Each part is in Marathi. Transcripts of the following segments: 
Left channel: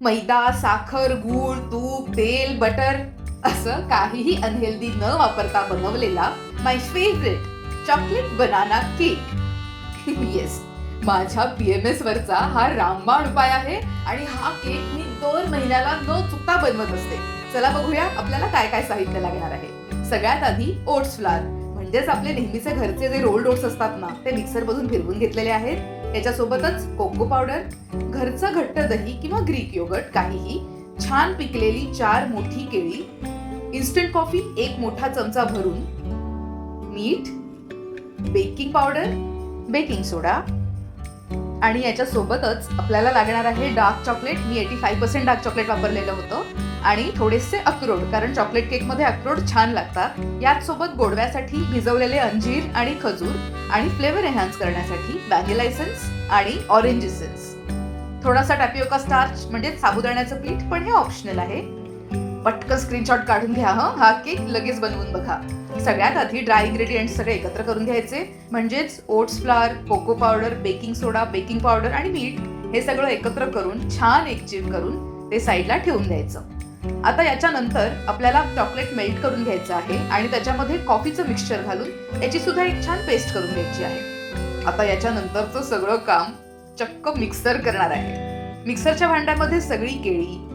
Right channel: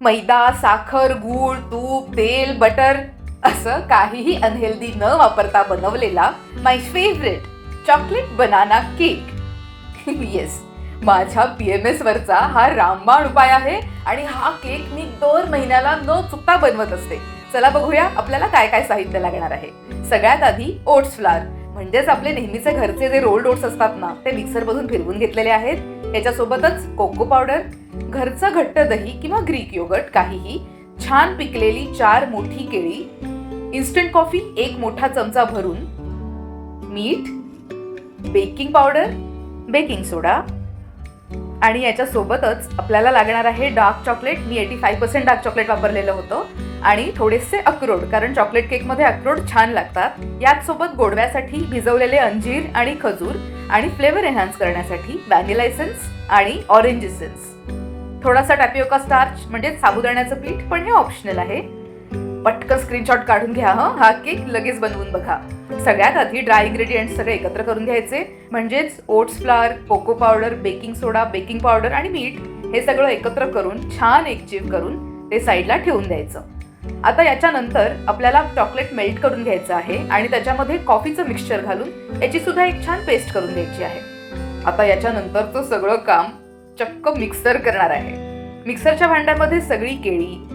मैदा साखर गूळ तूप तेल बटर असं काहीही अनहेल्दी न वापरता बनवलेला my favourite chocolate banana cake yes माझ्या पी एम एस वरचा हा रामबाण उपाय आहे आणि हा केक मी दर महिन्याला न चुकता बनवत असते. चला बघूया आपल्याला काय काय साहित्य लागणार आहे. सगळ्यात आधी ओट्स फ्लार म्हणजेच आपले नेहमीचे घरचे जे रोल्ड ओट्स असतात ना ते मिक्सरमधून फिरवून घेतलेले आहेत. त्याच्यासोबतच कोको पावडर घरचं घट्ट दही किंवा ग्रीक योगर्ट काहीही छान पिकलेली चार मोठी केळी इन्स्टंट कॉफी एक मोठा चमचा भरून मीठ बेकिंग पावडर बेकिंग सोडा आणि याच्या सोबतच आपल्याला लागणार आहे डार्क चॉकलेट मी eighty five percent dark chocolate वापरलेलं होतं. आणि थोडेसे अक्रोड कारण चॉकलेट केकमध्ये अक्रोड छान लागतात. याच सोबत गोडव्यासाठी भिजवलेले अंजीर आणि खजूर आणि फ्लेवर एन्हान्स करण्यासाठी व्हॅनिला एसेन्स आणि ऑरेंज एसेन्स थोडासा टॅपिओका स्टार्च म्हणजे साबुदाण्याचं पीठ पण हे ऑप्शनल आहे. पटकन स्क्रीनशॉट काढून घ्या हं. हा केक लगेच बनवून बघा. सगळ्यात आधी ड्राय इन्ग्रेडियंट सगळे एकत्र करून घ्यायचे. म्हणजेच oats flour cocoa powder baking soda baking powder आणि मीठ हे सगळं एकत्र करून छान एकजीव करून ते साईडला ठेवून द्यायचं. आता याच्यानंतर आपल्याला चॉकलेट मेल्ट करून घ्यायचं आहे आणि त्याच्यामध्ये कॉफीचं मिक्सचर घालून याची सुद्धा एक छान पेस्ट करून घ्यायची आहे. आता याच्यानंतरचं सगळं काम चक्क मिक्सर करणार आहे. मिक्सरच्या भांड्यामध्ये सगळी केळी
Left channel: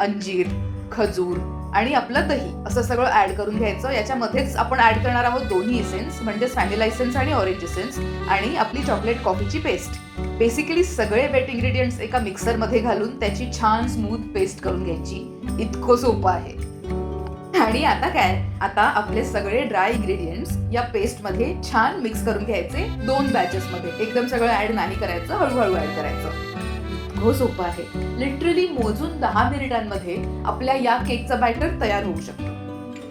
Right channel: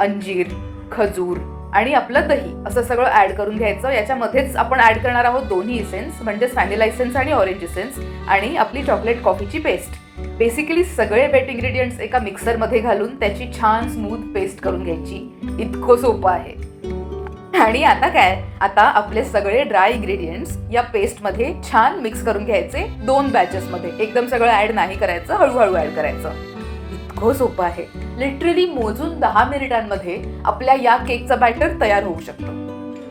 अंजीर खजूर आणि आपलं दही असं सगळं ऍड करून घ्यायचं. याच्यामध्येच आपण ऍड करणार आहोत दोन्ही इसेन्स म्हणजे व्हॅनिला इसेन्स आणि ऑरेंज इसेन्स आणि आपली चॉकलेट कॉफीची पेस्ट बेसिकली सगळे वेट इंग्रेडियंट्स एका मिक्सरमध्ये घालून त्याची छान स्मूथ पेस्ट करून घ्यायची. इतकं सोपं आहे. आणि आता काय? आता आपले सगळे ड्राय इन्ग्रेडियंट्स या पेस्टमध्ये छान मिक्स करून घ्यायचे दोन बॅचेस मध्ये. एकदम सगळं ऍड नाही करायचं हळूहळू ऍड करायचं. इतकं सोपं आहे. लिटरली मोजून दहा मिनिटांमध्ये आपल्या या केकचा बॅटर तयार होऊ शकतो.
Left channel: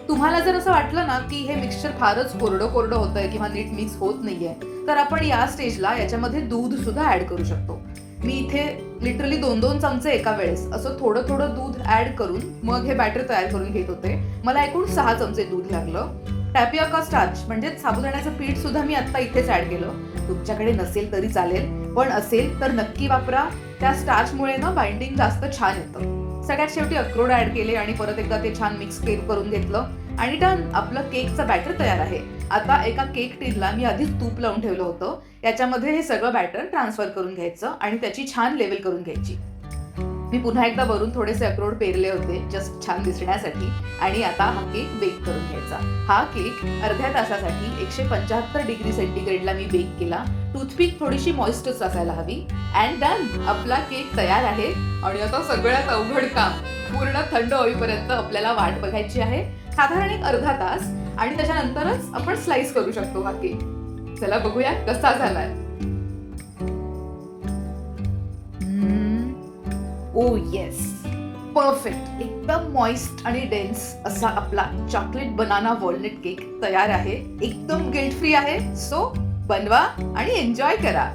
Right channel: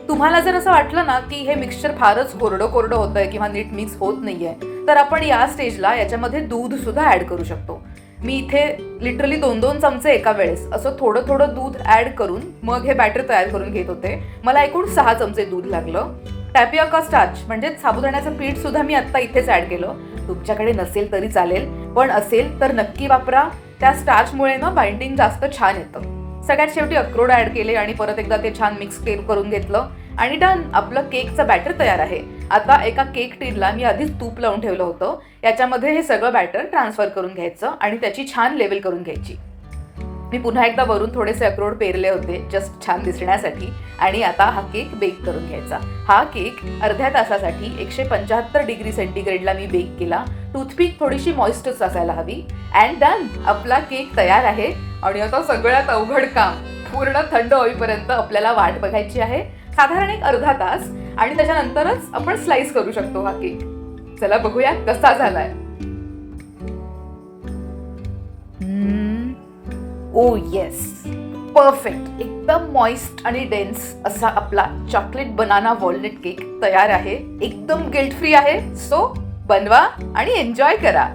तुम्हाला जर असं वाटलं ना की हे मिक्सचर फारच कोरडं कोरडं होतंय किंवा नीट मिक्स होत नाहीये तर आपण या स्टेजला याच्यामध्ये दूध सुद्धा ऍड करू शकतो. मी इथे लिटरली दोन दोन चमचे एका वेळेस असं थोडं थोडं दूध ऍड करून मग हे बॅटर तयार करून घेत होते. मला एकूण सहा चमचे दूध लागलं. टॅपिओका स्टार्च म्हणजे साबुदाण्याचं पीठ सुद्धा मी आता इथेच ऍड केलं. तुमच्याकडे नसेल तरी चालेल पण असेल तर नक्की वापरा. त्या स्टार्चमुळे ना बाइंडिंग जास्त छान येतं. सगळ्यात शेवटी अक्रोड ऍड केले आणि परत एकदा ते छान मिक्स केल करून घेतलं. आणि डन आपलं केकचं बॅटर तयार आहे. आता एका केक टीनला मी आधीच तूप लावून ठेवलं होतं. याच्यामध्ये हे सगळं बॅटर ट्रान्सफर करून घ्यायचं आणि त्याची छान लेवल करून घ्यायची. मी पुन्हा एकदा वरून थोडेसे अक्रोड पेरले होते जस्ट छान दिसण्यासाठी. आणि आता हा केक बेक करून घ्यायचा. हा केक अर्ध्या तासासाठी एकशे पंच्याहत्तर डिग्री सेंटीग्रेडला मी बेक केला. टूथपिक थोडीशी मॉइस्टच असायला हवी. अँड डन आपला केक तयार आहे. आणि आता सगळ्यात अवघड काम पूर्ण थंड होईपर्यंत आपल्याला वाट बघायची आहे. साधारण एक अर्धा तास. आणि त्याच्यानंतरच आपण स्लाइस करू शकतो हा केक चला बघूया कसा झालाय. ओ येस परफेक्ट एकदम मॉइस्ट आणि डेन्स असा आपला चॉकलेट बनाना वॉलनट केक तयार आहे. एकदम गिल्ट फ्री आहे. सो बनवा आणि एन्जॉय करा.